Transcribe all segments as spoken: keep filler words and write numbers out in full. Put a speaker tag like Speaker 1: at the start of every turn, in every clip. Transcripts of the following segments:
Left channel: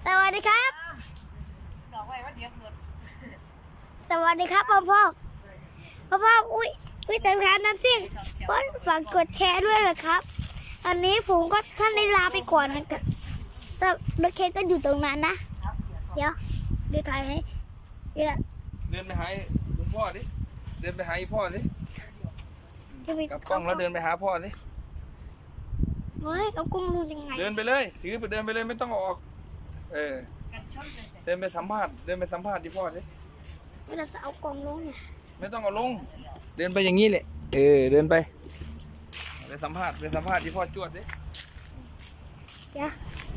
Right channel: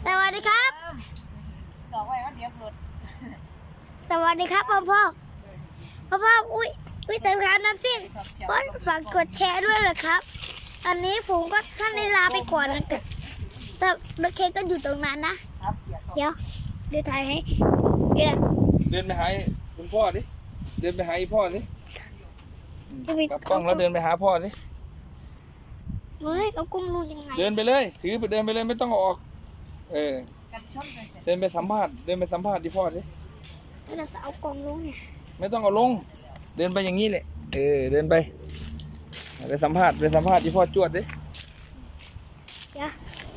Speaker 1: สวัสดีครับ
Speaker 2: บอกไว้ว่าเดี๋ยวหลุด
Speaker 1: สวัสดีครับพ่อพ่อพ่อพ่ออุ้ยอุ้ยแต่ครับน้ำซิ่งก็ฝากกดแชร์ด้วยนะครับอันนี้ผมก็ท่านได้ลาไปก่อนนะแต่รถเคนก็อยู่ตรงนั้นนะเดี๋ยวเดี๋ยวถ่ายให้เดี๋ยว
Speaker 3: เดินไปหาคุณพ่อดิเดินไปหาอีพ่อดิกับกล้องแล้วเดินไปหาพ่อดิ
Speaker 1: เฮ้ยเอากล้องดูยังไง
Speaker 3: เดินไปเลยถือไปเดินไปเลยไม่ต้องออกเออเดินไปสัมภาษณ์เดินไปสัมภาษณ์ที่พ่อดิ
Speaker 1: เวลาจะเอากล้องลงเนี่ย
Speaker 3: ไม่ต้องเอาลงเดินไปอย่างนี้เลยเออเดินไปไปสัมภาษณ์ไปสัมภาษณ์ที่พ่อจวดดิ
Speaker 1: เดี๋ยว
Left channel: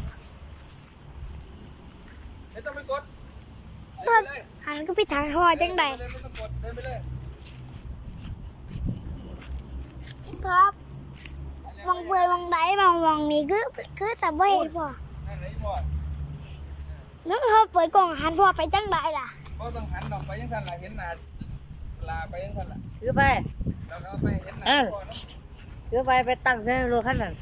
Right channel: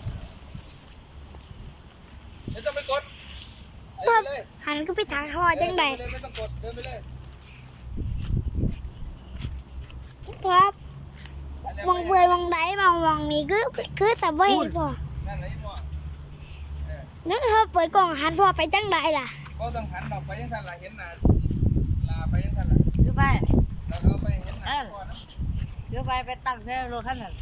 Speaker 3: ไม่ต้องไปกด
Speaker 1: หันก็ไปทางพ่อจังได
Speaker 3: ไม่ต้องกดเดินไปเลย
Speaker 1: ครับมองเบื่อมองได้มองมองนี่คือคือแต่ไม่เห็นพ่อ
Speaker 3: นั่นไหนพ่อ
Speaker 1: นึกเขาเปิดกล่องหันพ่อไปจังไดล่ะ
Speaker 3: ก็ต้องหันออกไปยังทันล่ะเห็นหน้าลาไปยังทันล่ะ
Speaker 2: ถือไป
Speaker 3: เราเอาไปเห็นหน้าพ่อนะ
Speaker 2: ถือไปไปตั้งในรถคันนั้น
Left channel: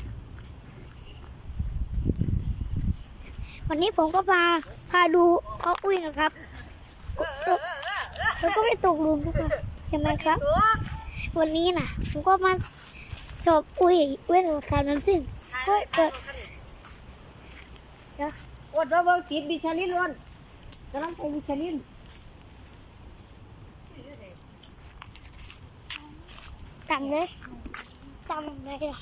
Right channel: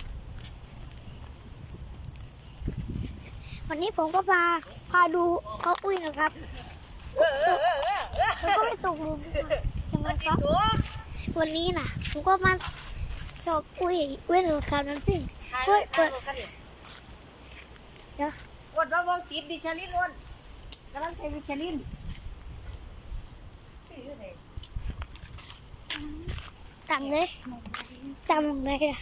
Speaker 1: วันนี้ผมก็พาพาดูเขาอุ้ยนะครับผมก็ไม่ตกหลุมใช่ไหมครับวันนี้น่ะผมก็มาชอบอุ้ยเว้นราคานั้นซึ่งก็เปิดเดี๋ยว
Speaker 2: อดรถเบิ้งจีบบิชลินล้วนกำลังใช้บิชลิน
Speaker 1: ตั้งเลยตั้งเลยนะ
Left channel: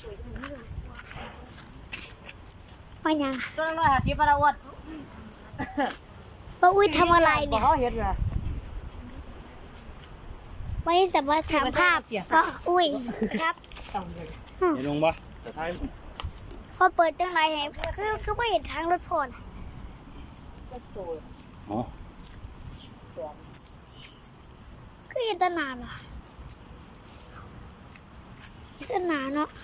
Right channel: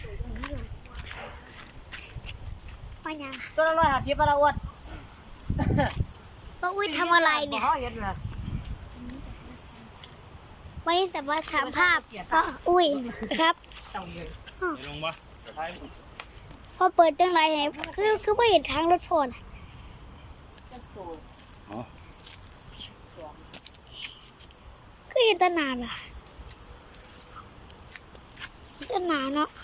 Speaker 1: ไม่ยัง
Speaker 2: ตัวละร้อยห้าสิบปลาอด
Speaker 1: ป้าอุ้ยทำอะไรเนี่ย
Speaker 2: เขาเห็นเลย
Speaker 1: ไม่สามารถถามภาพป้าอุ้ยครับ
Speaker 3: ลงปะ
Speaker 1: พอเปิดจังไรไงคือคือไม่เห็นทางรถพล
Speaker 3: อ๋อ
Speaker 1: คือเห็นตนาล่ะตนาเนาะ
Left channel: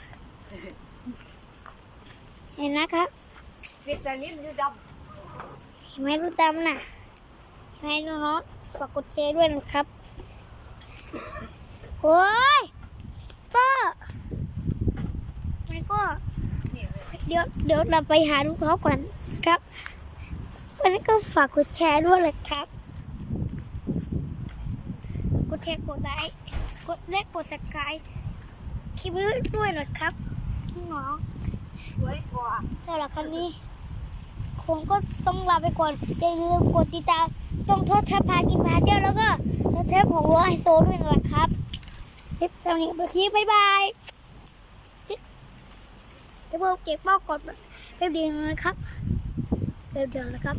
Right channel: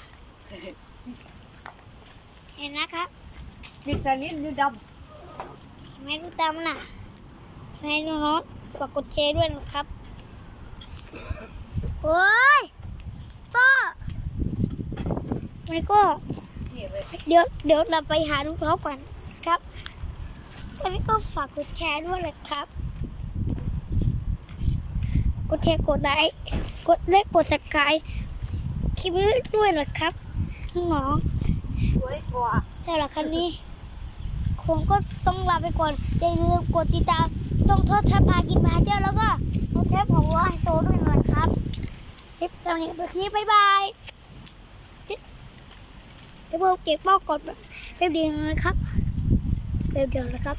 Speaker 1: เห็นนะครับ
Speaker 2: บิชลินดูด
Speaker 1: ำไม่รู้ดำน่ะให้น้องๆฝากกดแชร์ด้วยนะครับโอ้ยก็ไม่ก็เดี๋ยวเดี๋ยวเราไปหาลูกเขาก่อนครับวันนี้ก็ฝากกดแชร์ด้วยเลยครับกดแชร์กดไลค์กดเล็กกดสับสไครบ์คลิปนี้ด้วยนะครับน้องๆสำหรับครั้งนี้คงก็ต้องลาไปก่อนอย่าลืมกดติดตามช่องทอดทัพพากินพาเที่ยวแล้วก็เทปของวัวไฮโซด้วยนะครับคลิปตอนนี้ไปคลิปบ๊ายบายเดี๋ยวเก็บเป้าก่อนเดี๋ยวเดียวนะครับเดี๋ยวเดียวนะครับ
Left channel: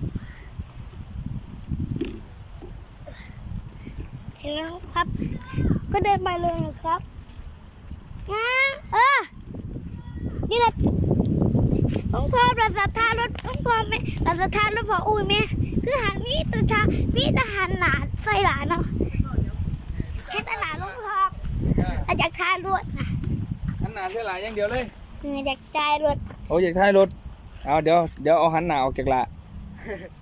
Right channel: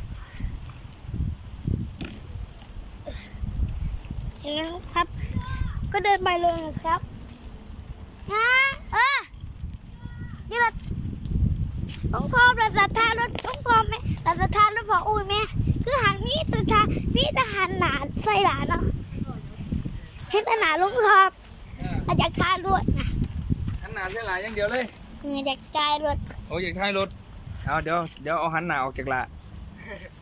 Speaker 1: เสร็จแล้วครับก็เดินไปเลยนะครับงั้นเออนี่เราต้องพอประสาทารถต้องพอไหมประสาทารถพออุ้ยไหมคือหันมีตาทามีตาหันหนาใส่หลานเนาะเห็นตาหนาลุงครับอาจจะทารถนะ
Speaker 3: หันหนาใส่หลานอย่างเดียวเลย
Speaker 1: เอออยากจ่ายรถ
Speaker 3: โอ้อยากถ่ายรถเอาเดี๋ยวเดี๋ยวเอาหันหน้าออกจากละ